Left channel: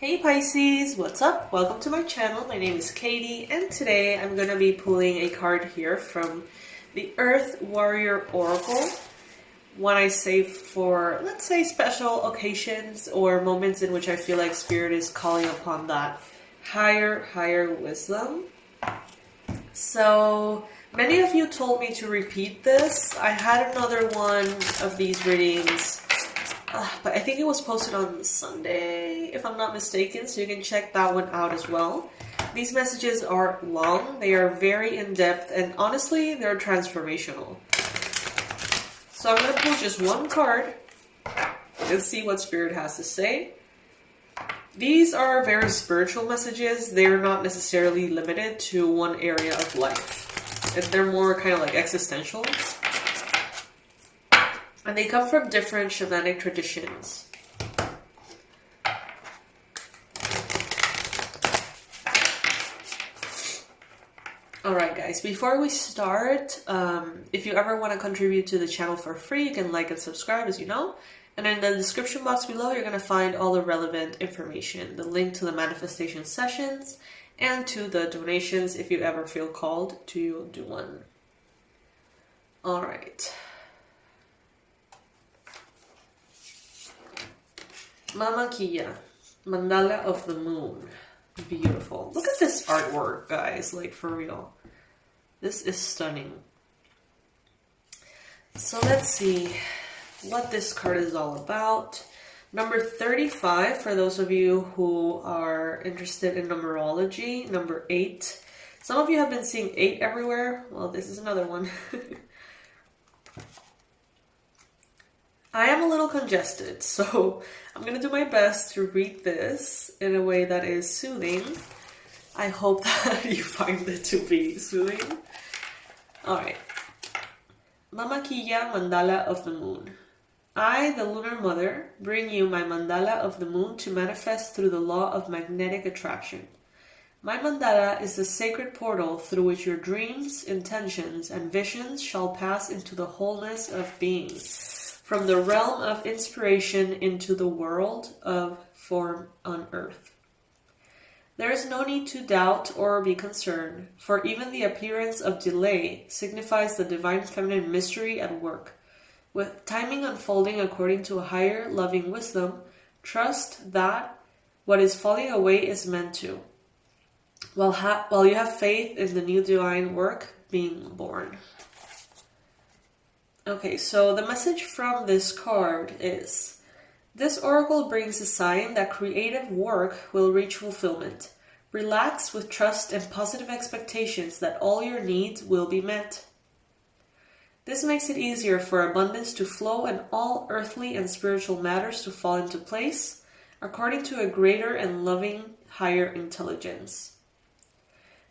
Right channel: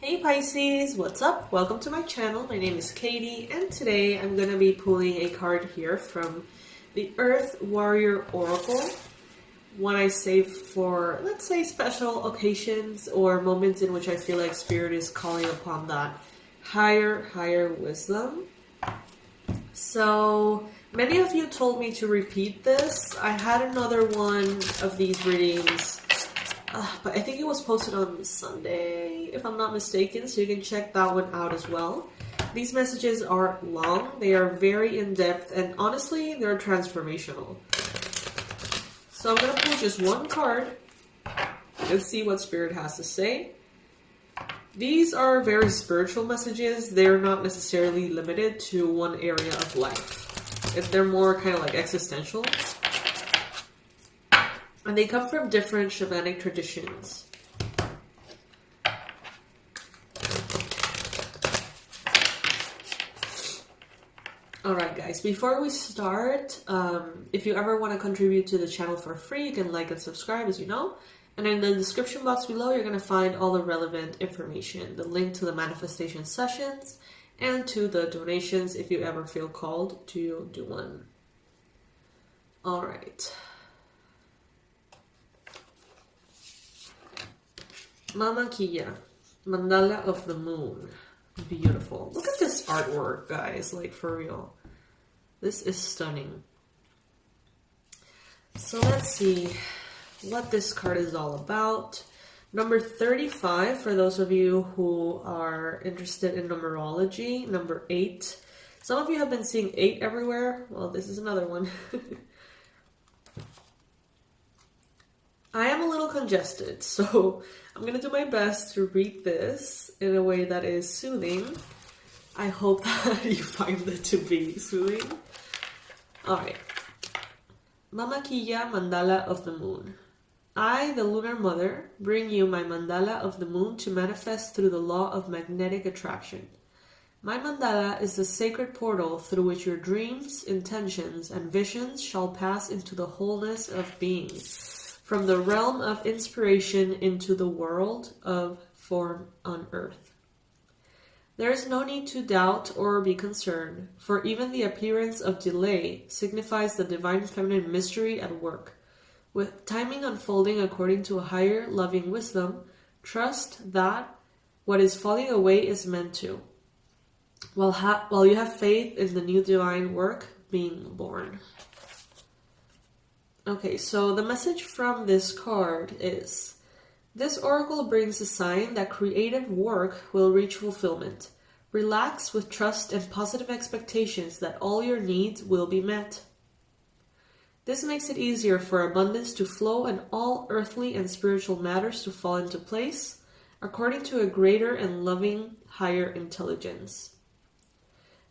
Hey Pisces, what's up? Welcome to my channel. My name is Katie, and today I'm going to be pulling a card here from the Earth Warrior Oracle. One I save for, let's say, special occasions or moments in which I feel like Spirit is calling upon that higher wisdom. So many of you told me to repeat this. I had another one of these readings, but I think it was posted on Sunday, if I'm not mistaken, so you can check that one out as well. These messages are long, they are very in-depth, and honestly, they're transformational. So I'm going to pull just one card and see what Spirit has to say. These are very spiritual messages. They're not necessarily limited to one area of life. They're more kind of like existential. And they come from different shamanic traditions. Alright guys, before we start, if you ever want to contribute to the channel for free, you can like and subscribe, as you know. And in the description box below, you're going to find all the relevant information. The link to the manifestation sessions and to the donations if you ever feel called to do one. Alright. Mama Kia, Mandala of the Moon. Beautiful. Look at this artwork, guys. Like, for real. This is stunning. So let's see what this card is all about. Number 35, for those of you who are interested in numerology. Number 8. Some of you have been seeing 8 everywhere. Well, this is another one. I am a little congested, so I'm going to do my best to read this in a way that is soothing. I hope that you find it to be soothing. Alright. Mama Kia, Mandala of the Moon. I, the Lunar Mother, bring you my Mandala of the Moon to manifest through the law of magnetic attraction. My mandala is the sacred portal through which your dreams, intentions, and visions shall pass into the wholeness of being, from the realm of inspiration into the world of form on earth. There is no need to doubt or be concerned, for even the appearance of delay signifies the divine feminine mystery at work. With timing unfolding according to a higher loving wisdom, trust that what is falling away is meant to, while you have faith in the new divine work being born. Okay, so the message from this card is, this oracle brings a sign that creative work will reach fulfillment. Relax with trust and positive expectations that all your needs will be met. This makes it easier for abundance to flow and all earthly and spiritual matters to fall into place according to a greater and loving higher intelligence.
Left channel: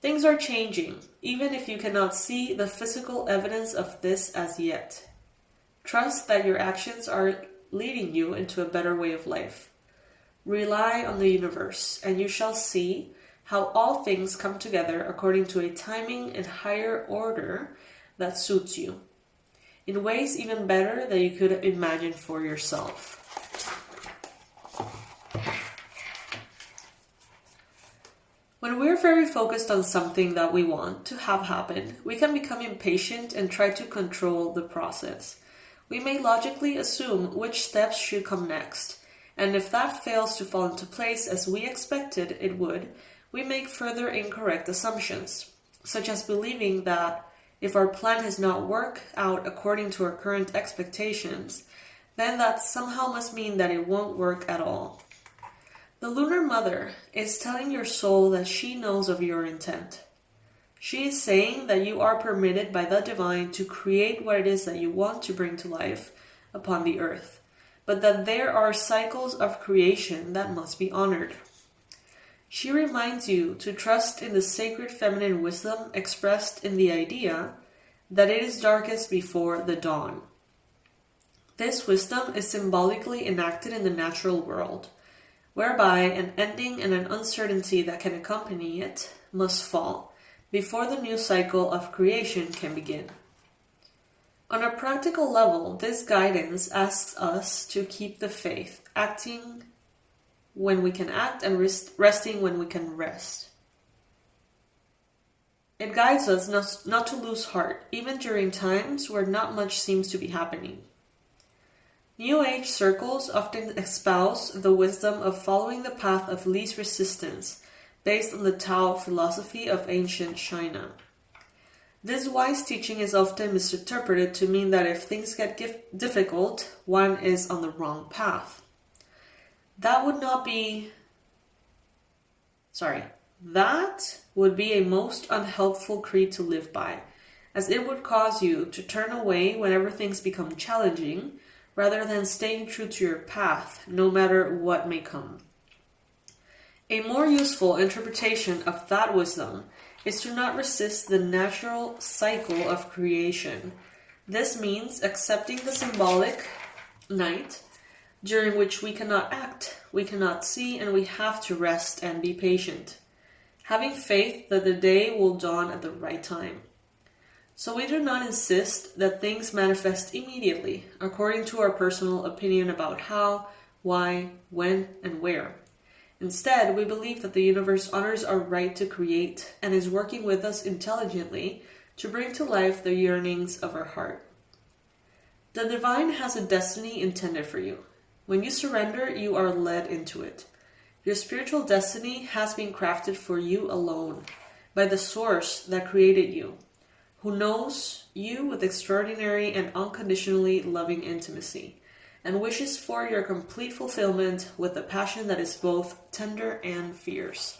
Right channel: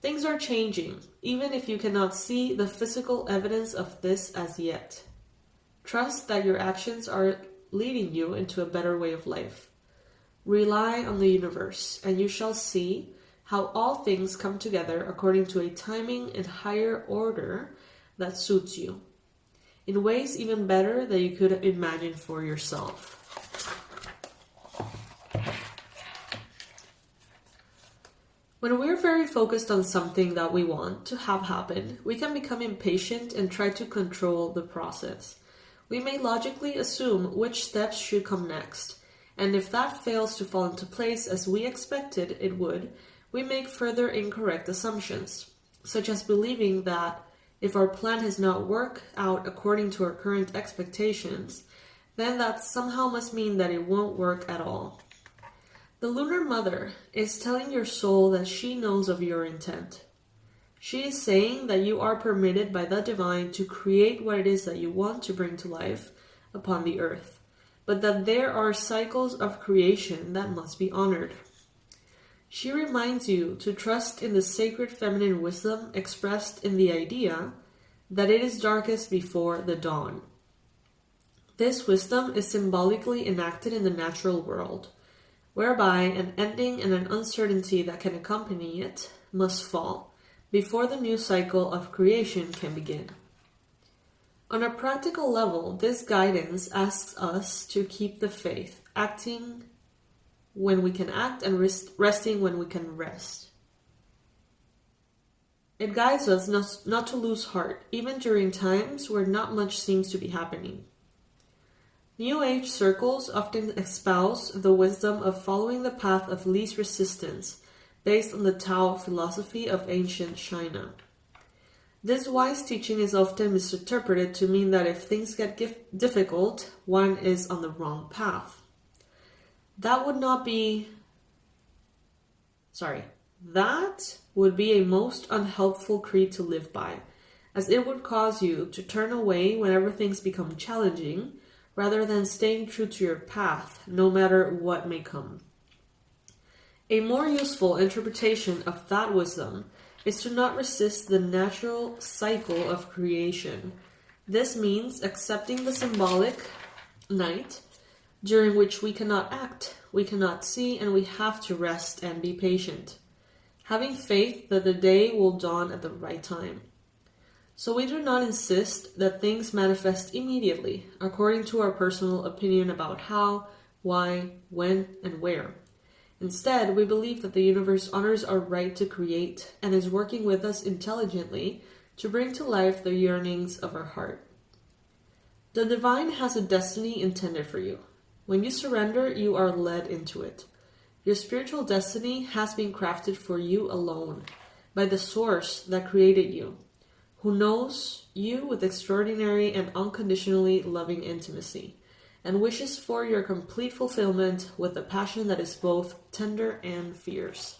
Things are changing, even if you cannot see the physical evidence of this as yet. Trust that your actions are leading you into a better way of life. Rely on the universe, and you shall see how all things come together according to a timing and higher order that suits you, in ways even better than you could imagine for yourself. When we're very focused on something that we want to have happen, we can become impatient and try to control the process. We may logically assume which steps should come next, and if that fails to fall into place as we expected it would, we make further incorrect assumptions, such as believing that if our plan has not worked out according to our current expectations, then that somehow must mean that it won't work at all. The Lunar Mother is telling your soul that she knows of your intent. She is saying that you are permitted by the divine to create what it is that you want to bring to life upon the earth, but that there are cycles of creation that must be honored. She reminds you to trust in the sacred feminine wisdom expressed in the idea that it is darkest before the dawn. This wisdom is symbolically enacted in the natural world, whereby an ending and an uncertainty that can accompany it must fall before the new cycle of creation can begin. On a practical level, this guidance asks us to keep the faith, acting when we can act and resting when we can rest. It guides us not to lose heart, even during times where not much seems to be happening. New Age circles often espouse the wisdom of following the path of least resistance, based on the Tao philosophy of ancient China. This wise teaching is often misinterpreted to mean that if things get difficult, one is on the wrong path. That would be a most unhelpful creed to live by, as it would cause you to turn away whenever things become challenging, rather than staying true to your path, no matter what may come. A more useful interpretation of that wisdom is to not resist the natural cycle of creation. This means accepting the symbolic night, during which we cannot act, we cannot see, and we have to rest and be patient, having faith that the day will dawn at the right time. So we do not insist that things manifest immediately, according to our personal opinion about how, why, when, and where. Instead, we believe that the universe honors our right to create and is working with us intelligently to bring to life the yearnings of our heart. The divine has a destiny intended for you. When you surrender, you are led into it. Your spiritual destiny has been crafted for you alone, by the source that created you, who knows you with extraordinary and unconditionally loving intimacy, and wishes for your complete fulfillment with a passion that is both tender and fierce.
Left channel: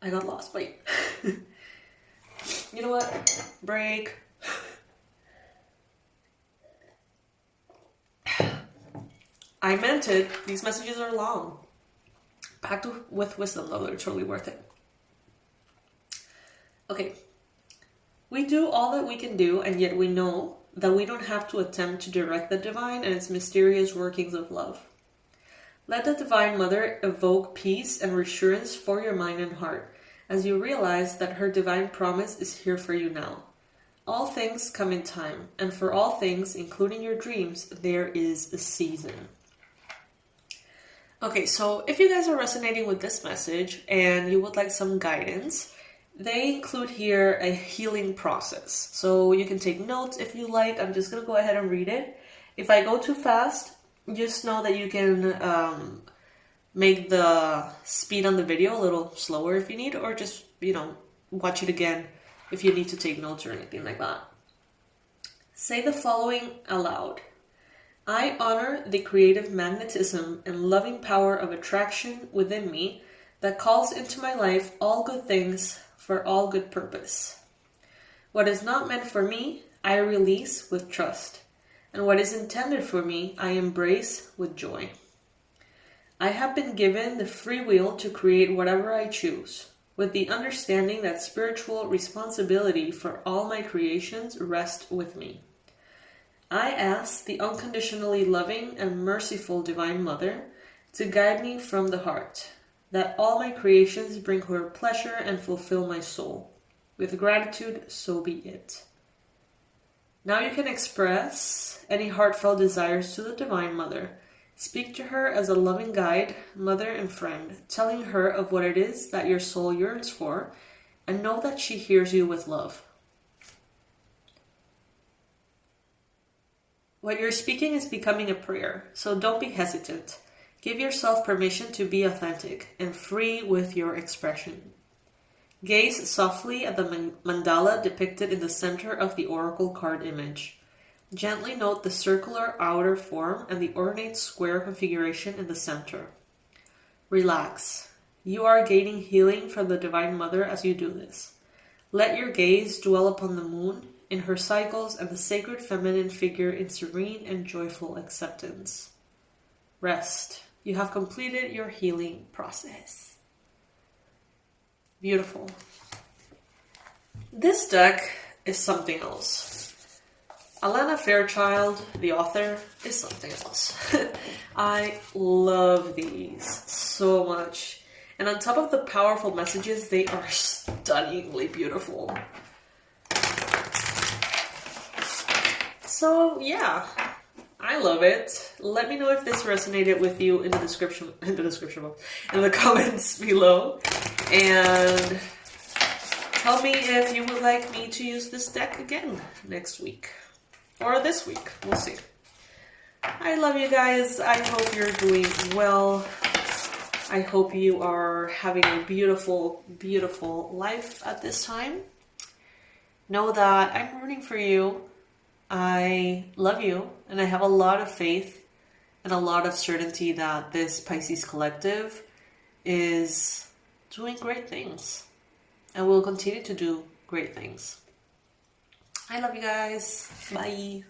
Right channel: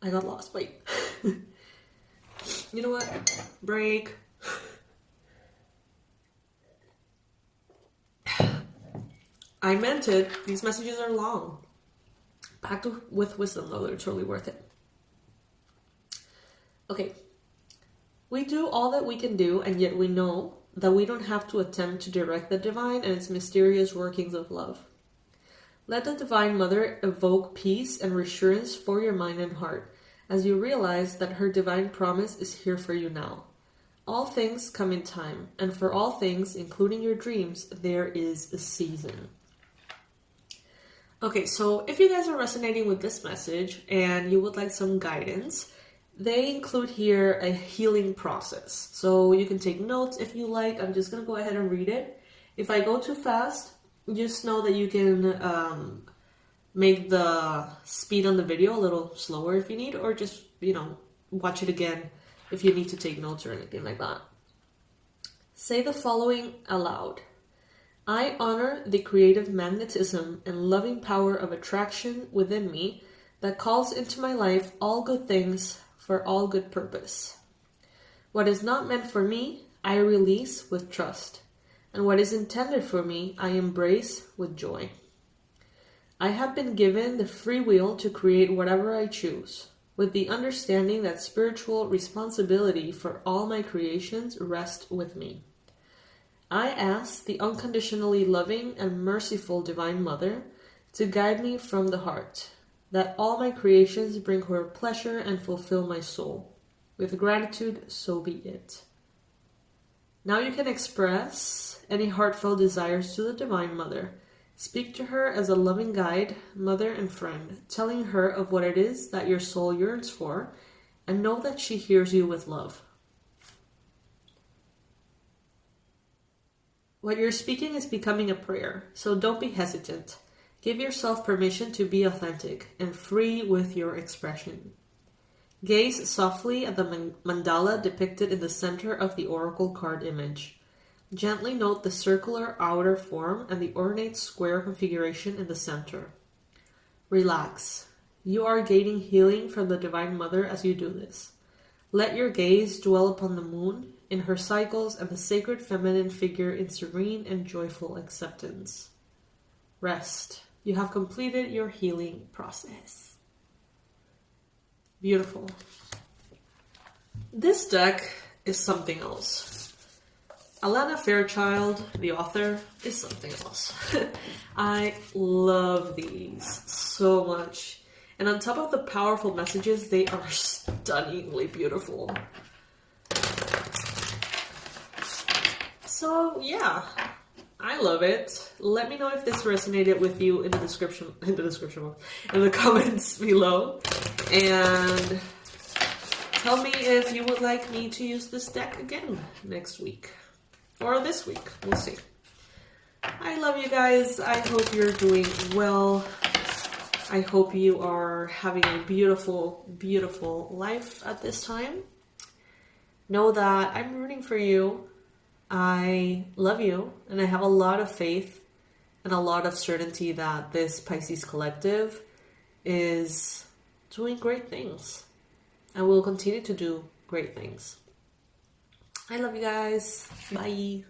I got lost. Wait. You know what? Break. I meant it. These messages are long. Packed with wisdom, though. They're totally worth it. Okay. We do all that we can do, and yet we know that we don't have to attempt to direct the divine and its mysterious workings of love. Let the Divine Mother evoke peace and reassurance for your mind and heart, as you realize that her divine promise is here for you now. All things come in time, and for all things, including your dreams, there is a season. Okay, so if you guys are resonating with this message and you would like some guidance, they include here a healing process. So you can take notes if you like. I'm just going to go ahead and read it. If I go too fast, just know that you can make the speed on the video a little slower if you need, or just, watch it again if you need to take notes or anything like that. Say the following aloud. I honor the creative magnetism and loving power of attraction within me that calls into my life all good things for all good purpose. What is not meant for me, I release with trust, and what is intended for me, I embrace with joy. I have been given the free will to create whatever I choose, with the understanding that spiritual responsibility for all my creations rests with me. I ask the unconditionally loving and merciful Divine Mother to guide me from the heart, that all my creations bring her pleasure and fulfill my soul. With gratitude, so be it. Now you can express any heartfelt desires to the Divine Mother. Speak to her as a loving guide, mother, and friend, telling her of what it is that your soul yearns for, and know that she hears you with love. What you're speaking is becoming a prayer, so don't be hesitant. Give yourself permission to be authentic and free with your expression. Gaze softly at the mandala depicted in the center of the oracle card image. Gently note the circular outer form and the ornate square configuration in the center. Relax. You are gaining healing from the Divine Mother as you do this. Let your gaze dwell upon the moon, in her cycles, and the sacred feminine figure in serene and joyful acceptance. Rest. You have completed your healing process. Beautiful. This deck is something else. Alana Fairchild, the author, is something else. I love these so much. And on top of the powerful messages, they are stunningly beautiful. So, yeah. I love it. Let me know if this resonated with you in the description box, in the comments below. And tell me if you would like me to use this deck again next week. Or this week. We'll see. I love you guys. I hope you're doing well. I hope you are having a beautiful, beautiful life at this time. Know that I'm rooting for you. I love you, and I have a lot of faith and a lot of certainty that this Pisces collective is doing great things and will continue to do great things. I love you guys. Bye.